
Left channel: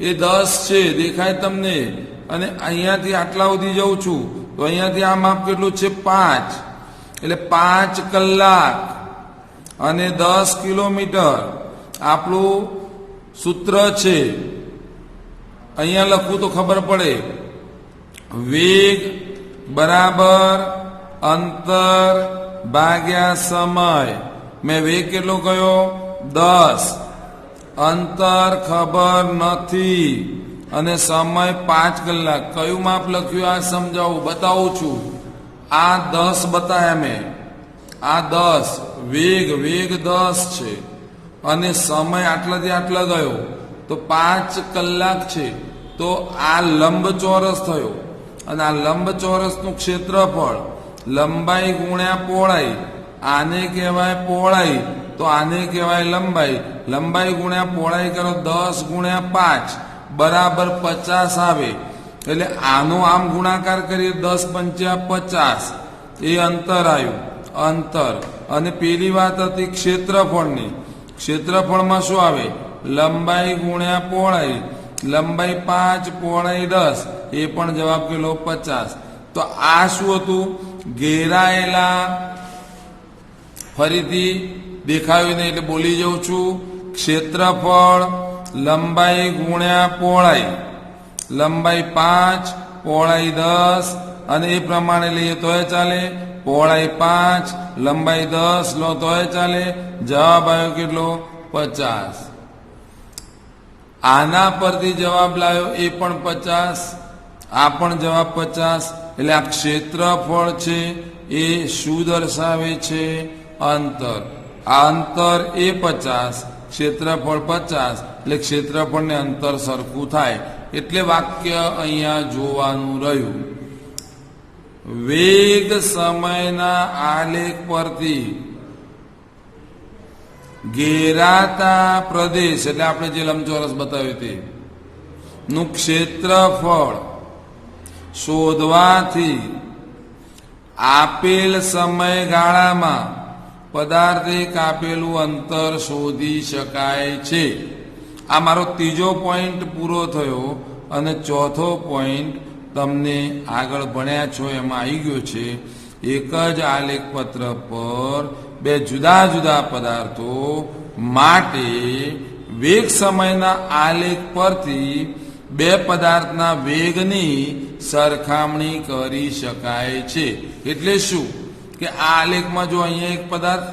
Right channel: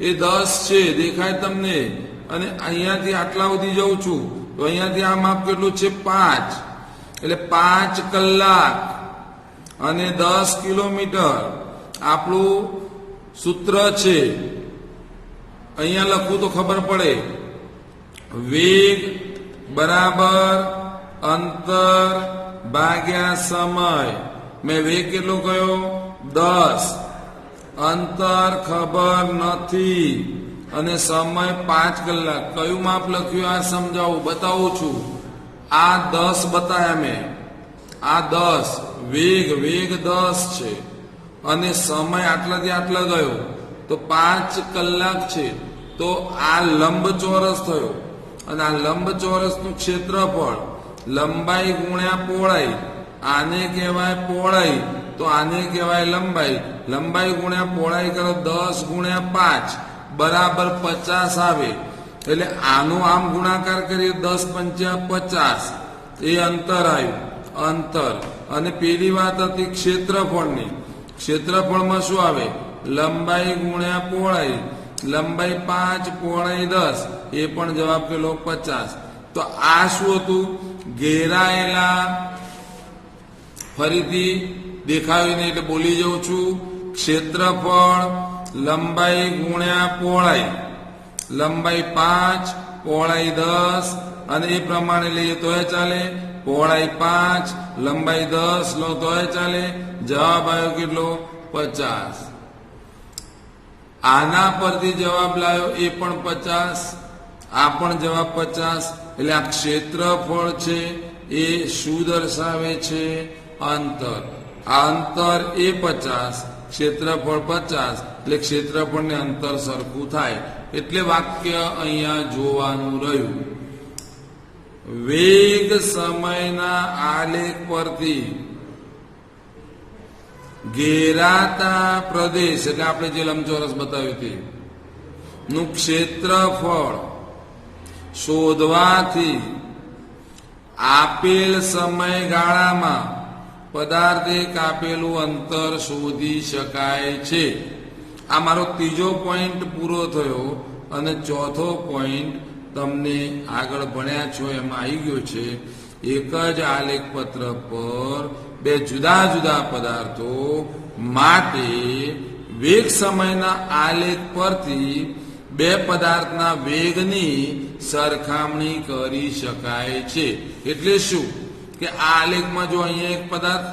એ 10 છે, દેખાય તમને, અને અહીંયાથી આટલા સુધી જઉં છું તો અહીંયાથી આ માપ કેટલું છે? 5. એટલે 5 કલાક અને 10 કિલોમીટર આપણું સૂત્ર છે. અહીંયા લખવું તો ખબર પડે. વેગ બરાબર અંતર ભાગ્યા સમય. મેં વેગ કેટલો કયો? 10. અંતર ખબર નથી અને સમય 5 કલાક. કયું માપ લખ્યું આ સમજાવું, બતાવું છું. આ 10 બતાવ્યા મેં, આ 10 વેગ 10 છે અને સમય આટલાથી આટલા ગયો તો 5 કલાક છે. તો આ લંબચોરસ થયો અને આ લંબચોરસનું ક્ષેત્રફળ લંબાઈ ગુણ્યા પહોળાઈ. આને કહેવાય પહોળાઈ તો આને કહેવાય લંબાઈ. લંબાઈ ગુણ્યા પહોળાઈ કરો 10 ગુણ્યા 5 બરાબર 50 આવે. એટલે આનો આમ ગુણાકાર કરીએ 10 પંચા 50 એ અંતર આવ્યું. અંતર. અને પેલી વાત હતી ક્ષેત્રફળની. ક્ષેત્રફળમાં શું આવે? લંબાઈ ગુણ્યા પહોળાઈ. લંબાઈ 5 પહોળાઈ 10 એ પણ જવાબ પેલો 50. તો આ શું હતું? ઘેરાયેલા, ફરીથી દેખાયું નહીં એટલે બોલી જાઉં છું. ક્ષેત્રફળ લંબાઈ ગુણ્યા પહોળાઈ. લંબાઈ 5 પહોળાઈ 10 અને એ પ્રમાણે લઈએ તોય ચાલે. પહોળાઈ 5 લંબાઈ 10 લો તોય ચાલે. જવાબ આવ્યો કેટલો? 50. આના પરથી જવાબ લાવ્યો એ પણ 50. આ પણ જવાબ 50. એટલે આ ક્ષેત્રફળ છે એ શું દર્શાવે છે? અંતર. આ અંતર એ 50, ક્ષેત્રફળ 50, એટલે ક્ષેત્રફળ ને અંતર સરખું થાય. એટલે વાક્ય અહીંયા જોવાનું રહ્યું. વેગ સમયના આલેખ પરથી ઘેરાતા પ્રદેશ, એટલે આપણે જે લંબચોરસ બતાવ્યું તે નું ક્ષેત્રફળ શોધવાથી આપેલ સમયગાળામાં પદાર્થે કાપેલું અંતર શોધી શકાય છે. આ મારો ત્રીજો પોઈન્ટ પૂરો થયો અને ચોથો પોઈન્ટ તમને આગળ ભણ્યા છો એમાં આવી ગયો છે. એક જ આલેખપત્ર પર બે જુદા જુદા પદાર્થો માટે વેગ સમયના આલેખ પરથી બે પદાર્થના વેગની સરખામણી કરી શકાય છે. એટલે શું કે આ આલેખમાં જો અહીંયા એક પદાર્થ,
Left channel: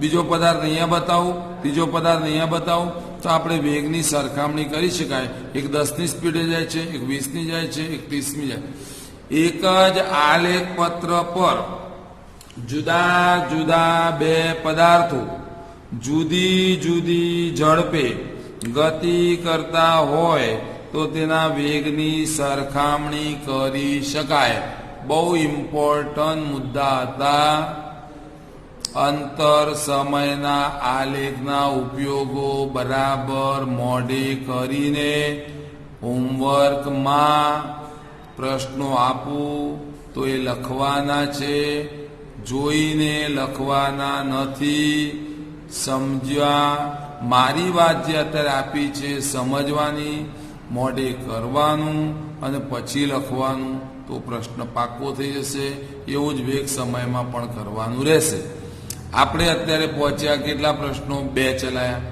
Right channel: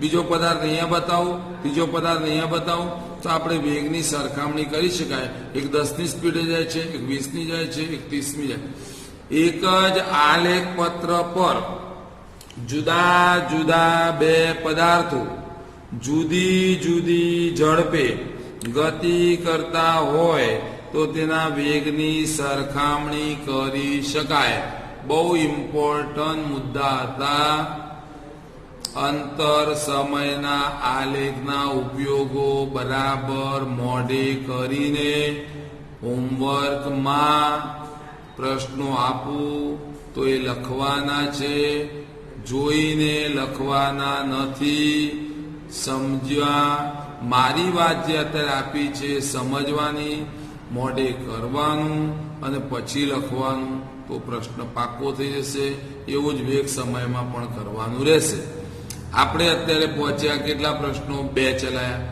બીજો પદાર્થ અહીંયા બતાવું, ત્રીજો પદાર્થ અહીંયા બતાવું તો આપણે વેગની સરખામણી કરી શકાય. એક 10ની સ્પીડે જાય છે, એક 20ની જાય છે, એક 30ની જાય. એક જ આલેખ પત્ર પર જુદા જુદા બે પદાર્થો જુદી જુદી ઝડપે ગતિ કરતા હોય તો તેના વેગની સરખામણી કરી શકાય. બહુ ઇમ્પોર્ટન્ટ મુદ્દા હતા. અંતર સમયના આલેખના ઉપયોગો બરાબર મોઢે કરીને હોમવર્કમાં પ્રશ્નો આપું તો એ લખવાના છે, જોઈને લખવાના નથી. સમજ્યા? મારી વાત જે અત્યારે આપી છે સમજવાની, મોઢે કરવાનું અને પછી લખવાનું તો પ્રશ્ન પાક્કો થઈ જશે. એવું જ વેગ સમયમાં પણ કરવાનું રહેશે. આપણે અત્યારે પહોંચ્યા કેટલા પ્રશ્નો? 2 ચલાયા.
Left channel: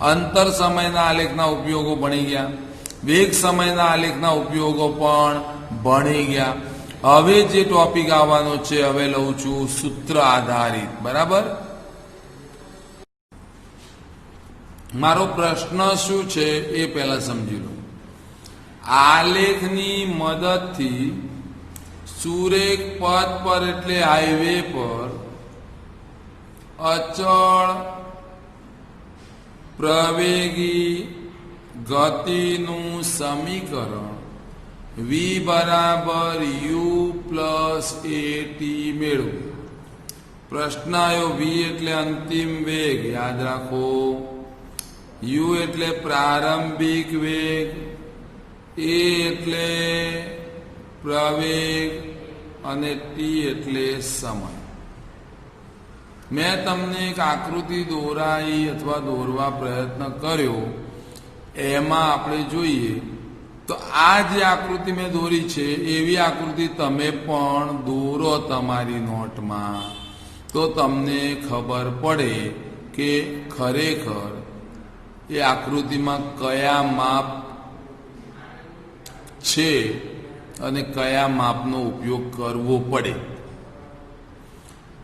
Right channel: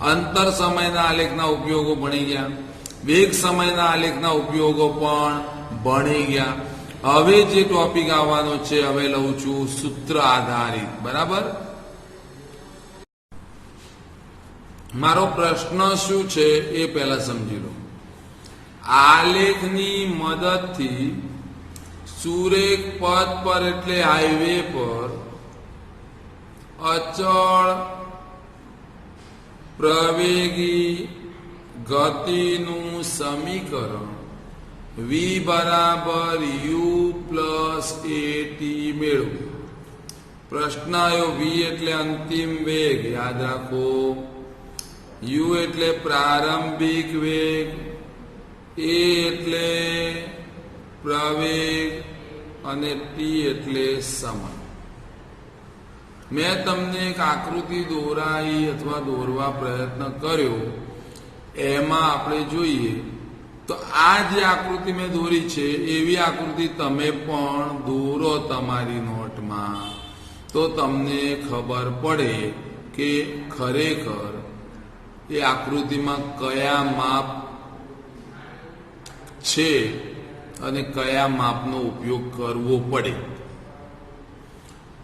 અંતર સમયના આલેખના ઉપયોગો ભણી ગયા, વેગ સમયના આલેખના ઉપયોગો પણ ભણી ગયા. હવે જે ટોપિક આવવાનો છે હવે લઉં છું સૂત્ર આધારિત. બરાબર, મારો પ્રશ્ન શું છે એ પહેલા સમજી લો. આલેખની મદદથી સુરેખ પથ પર એટલે હાઈવે પર અચળ પ્રવેગી ગતિનું સમીકરણ v બરાબર u પ્લસ at મેળવો. પ્રશ્ન આવ્યો v એટલે અંતિમ વેગ, યાદ રાખો. u એટલે પ્રારંભિક વેગ, a એટલે પ્રવેગ અને t એટલે સમય. મેં તમને એક આકૃતિ દોરાઈ અથવા દોરવા પ્રયત્ન કર્યો. એમાં આપણે જોઈએ તો આ જે આકૃતિ મેં દોરી છે એવી આકૃતિ તમે પણ દોરો તમારી નોટમાં, તો તમને ખબર પડે કે ખરેખર એ આકૃતિમાં કયા માપ છે અને કયા માપનો ઉપયોગ કરવો પડે.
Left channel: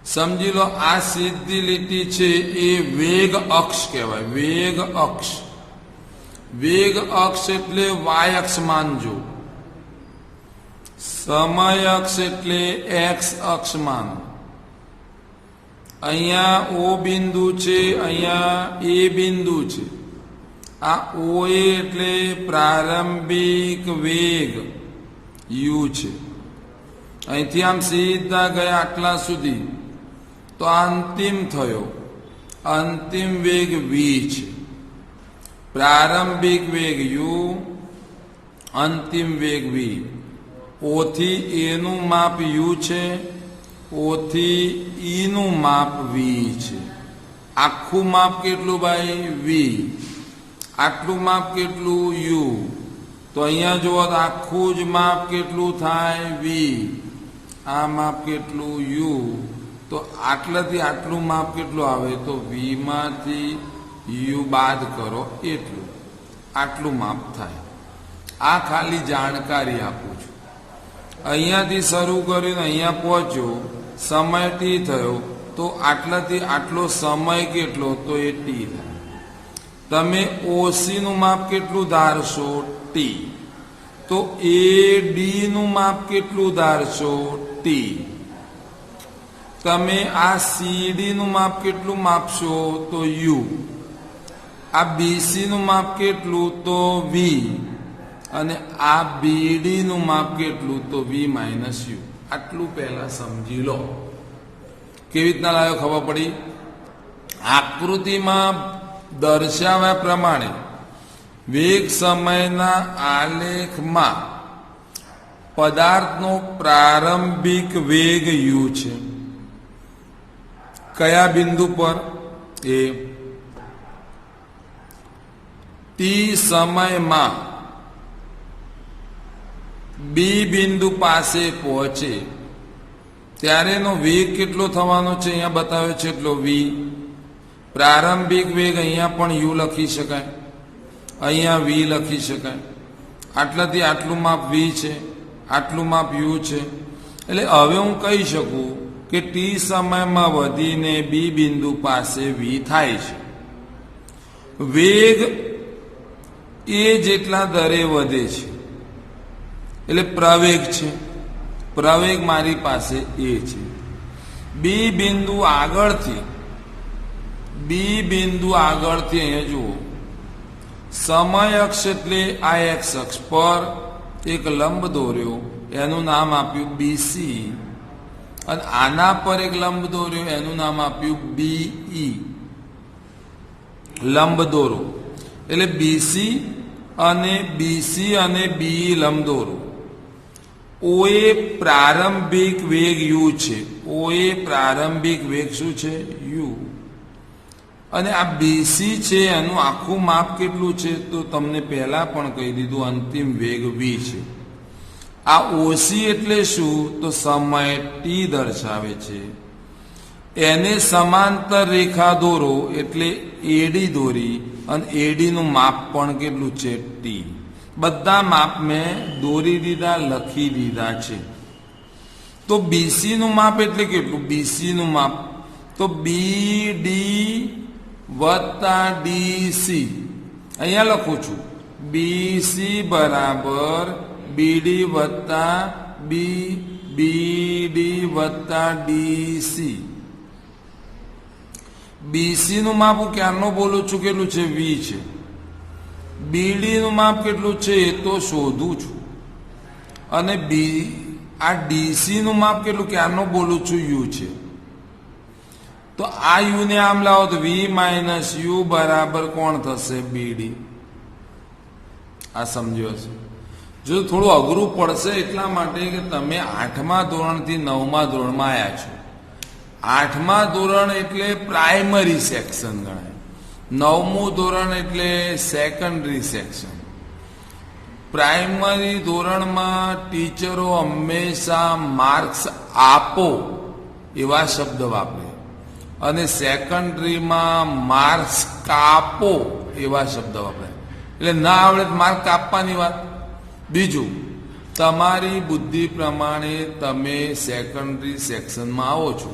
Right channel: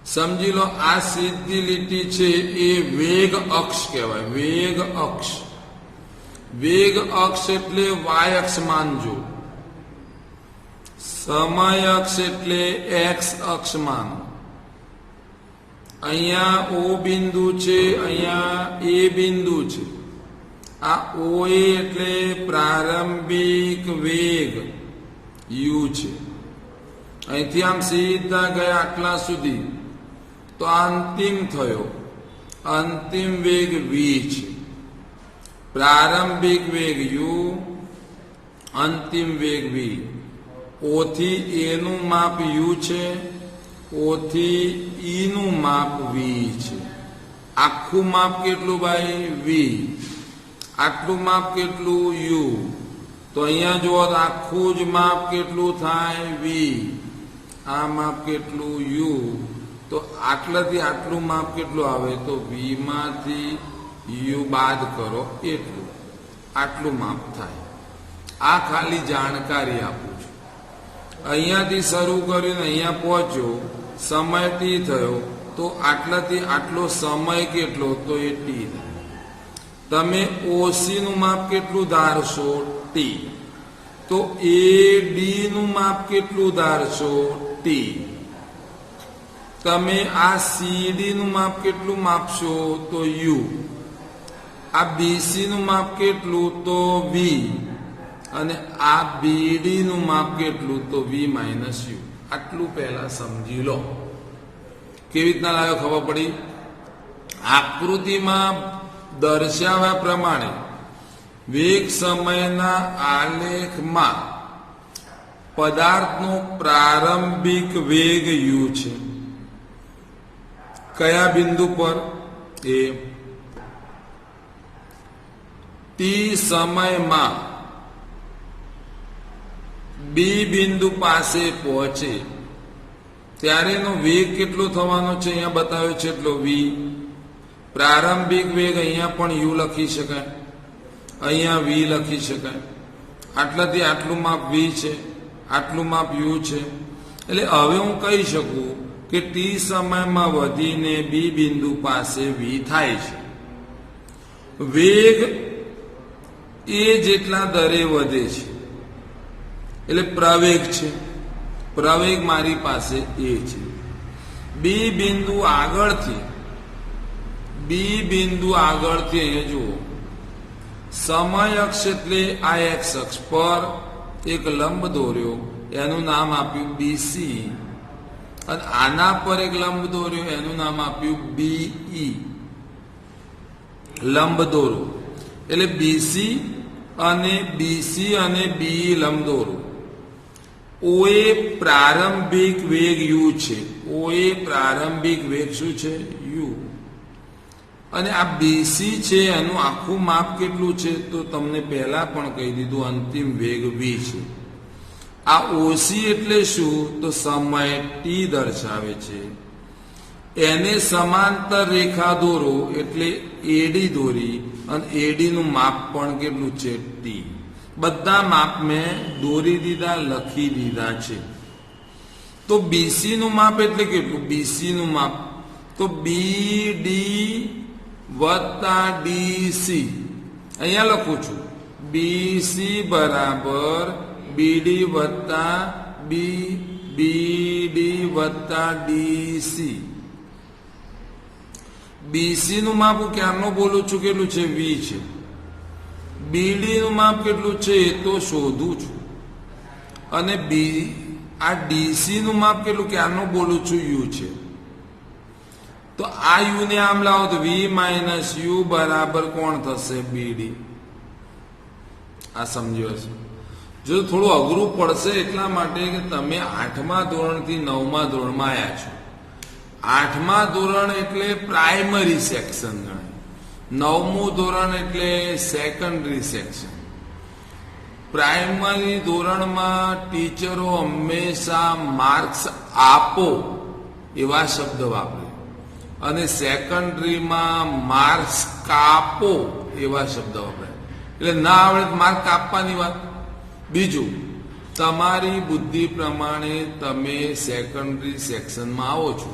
સમજી લો, આ સીધી લીટી છે એ વેગ અક્ષ કહેવાય. વેગ અક્ષ, વેગ અક્ષ એટલે વાય અક્ષ માનજો. સમય અક્ષ એટલે એક્સ અક્ષ માનો. અહીંયા ઓ બિંદુ છે, અહીંયા એ બિંદુ છે. આ ઓ એટલે પ્રારંભિક વેગ u છે. અહીંથી આમ સીધા ગયા આટલા સુધી, તો અંતિમ થયો, અંતિમ વેગ v છે. પ્રારંભિક વેગ u, અંતિમ વેગ v. o થી a નું માપ u છે, o થી e નું માપ v છે. આખું માપ કેટલું ભાઈ? v. આટલું માપ કેટલું? u. તો અહીંયા જુઓ તો આખું જ માપ કેટલું થાય? v. આ માપ કેટલું? u. તો આટલાથી આટલું માપ કેટલું આવે? તો v માંથી u બાદ કરો એટલું, આટલું માપ થાય. આ ખાલી જાણકારી આપું છું. અહીંયાથી શરૂ કરીને અહીંયા પહોંચ્યો, સમય t થયો, તો આટલાથી આટલો સમય કેટલો? તો એ t. તમે OC નું માપ કેટલું ધારશો? t. તો AD નું માપ કેટલું ધારશો? t. તમે આ CD નું માપ કેટલું માપશો? તો u. આ BC નું માપ કેટલું? તો v. અને આ BD નું માપ કેટલું? તો v માઇનસ u. આટલું પહેલા સમજી લો. કેવી રીતના લાગે ખબર પડી? આકૃતિમાં દર્શાવ્યા પ્રમાણે વેગ સમયના આલેખમાં પદાર્થનો પ્રારંભિક વેગ u છે. કયા બિંદુ પર? એ t સમયમાં b બિંદુ પાસે પહોંચે ત્યારે એનો વેગ કેટલો થવાનો છે? અહીંયા બતાવ્યો છે એટલો v. પ્રારંભિક વેગ અહીંયા પણ u લખી શકાય, અહીંયા v લખી શકાય. આટલાથી આટલું માપ v છે, આટલું માપ u છે. એટલે હવે હું કહી શકું કે t સમયમાં વધીને b બિંદુ પાસે v થાય છે. વેગ એ જેટલા દરે વધે છે એટલે પ્રવેગ છે. પ્રવેગ મારી પાસે એ છે. b બિંદુ આગળથી એને જુઓ, સમય અક્ષ એટલે આ એક્સ અક્ષ પર એક લંબ દોર્યો, એનું નામ આપ્યું BC. અને આના પર એક લંબ દોર્યો, એનું નામ આપ્યું BE. લંબ દોરો એટલે BC અને BE લંબ દોરો. OA પ્રારંભિક વેગ u છે. OA પ્રારંભિક વેગ શું છે? u. અને આ BC છે, એનું આખું માપ કેટલું છે? તો તમને પહેલા પણ કહી દીધું, અંતિમ વેગ v છે. આ OC એટલે શું? તો સમય t દર્શાવે છે. એને સમાંતર રેખા દોરો એટલે AD દોરી અને એડીનું માપ પણ કેટલું છે ટી. બધા માપ મેં દોરી દીધા, લખી દીધા છે. તો બીસીનું માપ એટલે કેટલું? બીસીનું માપ તો બીડી વત્તા ડીસી. અહીંયા લખું છું બીસી બરાબર બીડી વત્તા બીડી વત્તા ડીસી. બીસી નું માપ હું ક્યારનો બોલું છું કેટલું છે? વી છે. બીડી નું માપ કેટલું છે એ તો શોધું છું. અને આ ડીસી નું માપ કેટલું ક્યારનો બોલું છું? યુ છે. તો આ યુ ને આમ લાવો તો વી માઇનસ યુ બરાબર કોણ થશે? બીડી. આ સમજ્યો છે? જો થોડું અઘરું પડશે એટલા માટે કે તમે 8મા ધોરણથી 9મા ધોરણમાં આવ્યા છો. 8મા ધોરણ એટલે પ્રાઇમરી સેક્શન ગણાય, 9મું ધોરણ એટલે સેકન્ડરી સેક્શન. પ્રાઇમરી ધોરણમાં ટીચરો હંમેશા માર્ક્સ આપો એવા શબ્દ વાપરે અને સેકન્ડરીમાં માર્ક્સ કાપો એવા શબ્દ વાપરે. એટલે ના આવડે માર્ક કાપવાની વાત. બીજું, તમારી બુદ્ધિ પ્રમાણે તમે સેકન્ડરી સેક્શનમાં આવો છો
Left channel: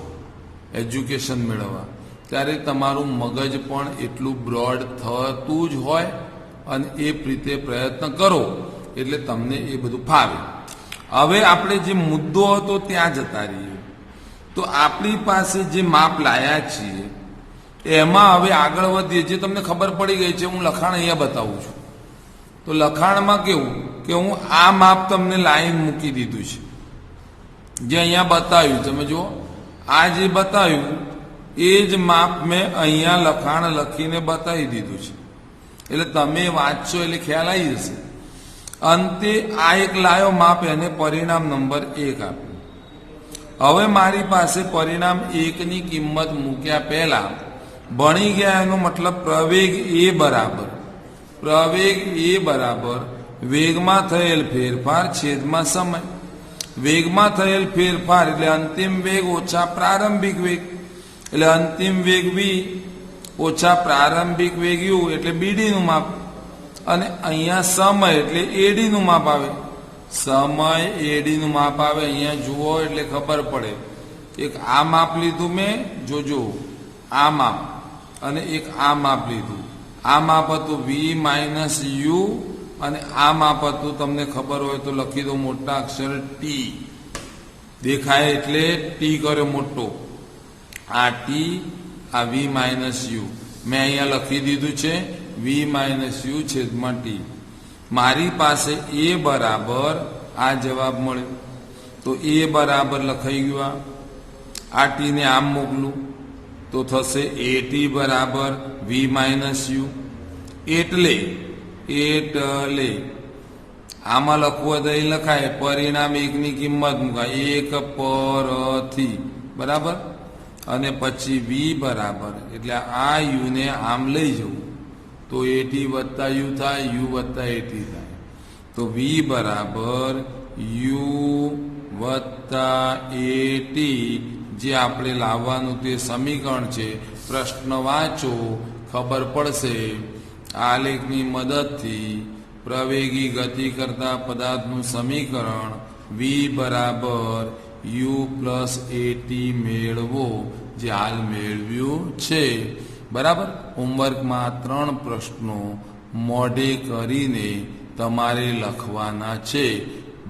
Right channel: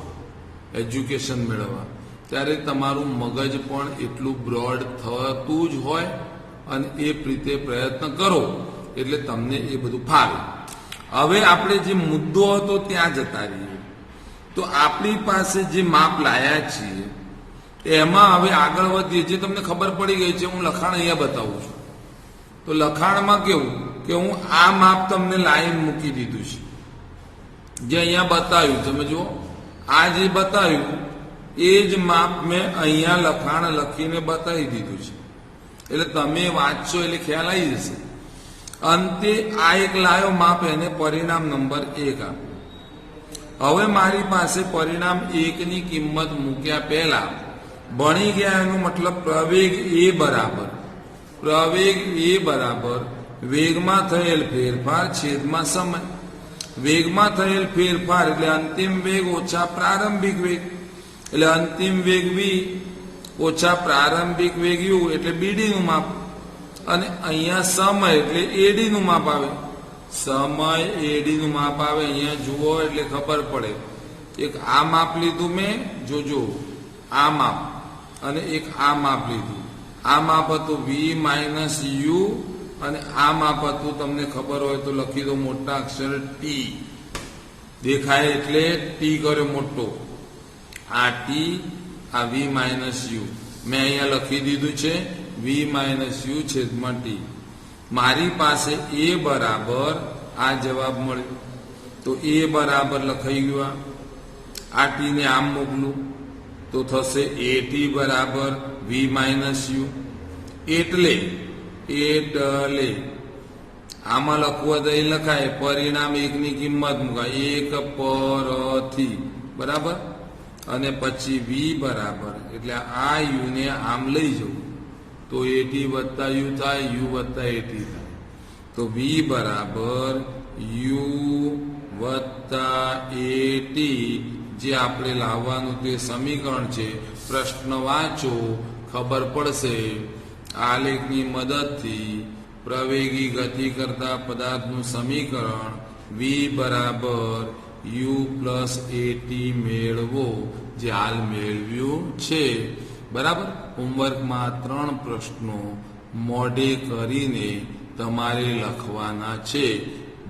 એજ્યુકેશન મેળવવા, ત્યારે તમારું મગજ પણ એટલું બ્રોડ થતું જ હોય અને એ રીતે પ્રયત્ન કરો એટલે તમને એ બધું ફાવે. હવે આપણે જે મુદ્દો હતો ત્યાં જતા રહીએ. તો આપણી પાસે જે માપ લાયા છીએ એમાં હવે આગળ વધીએ. જે તમને ખબર પડી ગઈ છે, હું લખાણ અહીંયા બતાવું છું. તો લખાણમાં કેવું કે હું આ માપ તમને લાઈન મૂકી દીધું છે, જે અહીંયા બતાવ્યું. તમે જુઓ, આ જે બતાવ્યું એ જ માપ મેં અહીંયા લખાણ લખીને બતાવી દીધું છે. એટલે તમે વાંચશો એટલે ખ્યાલ આવી જશે. અંતે આ એક લાયો માપ, એને પરિણામ નંબર 1 આપ્યું. હવે મારી પાસે પરિણામ 1ની કિંમત મૂક્યા પહેલા ભણી ગયા એનો મતલબ પ્રવેગ એ બરાબર વેગમાં થયેલ ફેરફાર છેદમાં સમય. વેગમાં થયેલ ફેરફાર એટલે અંતિમ વેગ ઓછા પ્રારંભિક વેગ, એટલે અંતિમ વેગ વી ઓછા પ્રારંભિક વેગ યુ એટલે બીડીનું માપ. અને અહીંયા સમય એટલે એડીનું માપ આવે. સમય એડીનું માપ આવે. અહીંયા જુઓ એટલે ખબર પડે. એક આ માપ લીધું મેં, જોજો આ માપ, અને એક આ માપ લીધું. આ માપ હતું વી માઇનસ યુ અને આ માપ હતું, તમને ખબર હોય તો લખી દો મોટા અક્ષર ટી. દેખાય એટલે ટી કર્યો મોટો. આ ટી, આ વી માઇનસ યુ મેં અહીંયા લખી દીધું છે વી માઇનસ યુ છેદમાં ટી. મારી પાસે એ બરાબર આ જવાબ મળ્યો. તો એ બરાબર લખાઈ ગયું. આ ટીને આમ મોકલું તો થશે એ ટી બરાબર વી માઇનસ યુ. એટલે આમાં લખવું તો એ લખાય પરિણામ 1ની કિંમત મુકાય 1 પરથી બરાબર, અને પછી વી બરાબર એટલે આ યુ ને આમ લઈ જવું તો એટી વત્તા યુ થાય, યુ વત્તા એટી થાય. તો વી બરાબર યુ વત્તા એટી, જે આપણે લાવવાનું તે સમીકરણ છે. પ્રશ્ન વાંચો, ખબર પડશે. આલેખની મદદથી પ્રવેગી ગતિ કરતા પદાર્થનું સમીકરણ વી બરાબર યુ પ્લસ એટી મેળવો, જે હાલ મેળવ્યું છે. બરાબર. હોમવર્કમાં 3 પ્રશ્નો મોઢે કરીને તમારે લખવાના છે.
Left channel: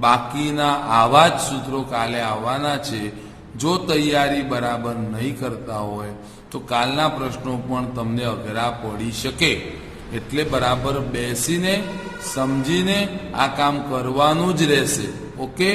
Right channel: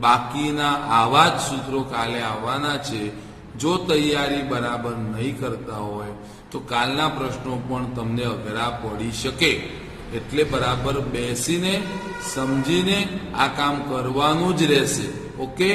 બાકીના આવા જ સૂત્રો કાલે આવવાના છે. જો તૈયારી બરાબર નહીં કરતા હોય તો કાલના પ્રશ્નો પણ તમને અઘરા પડી શકે. એટલે બરાબર બેસીને સમજીને આ કામ કરવાનું જ રહેશે. ઓકે.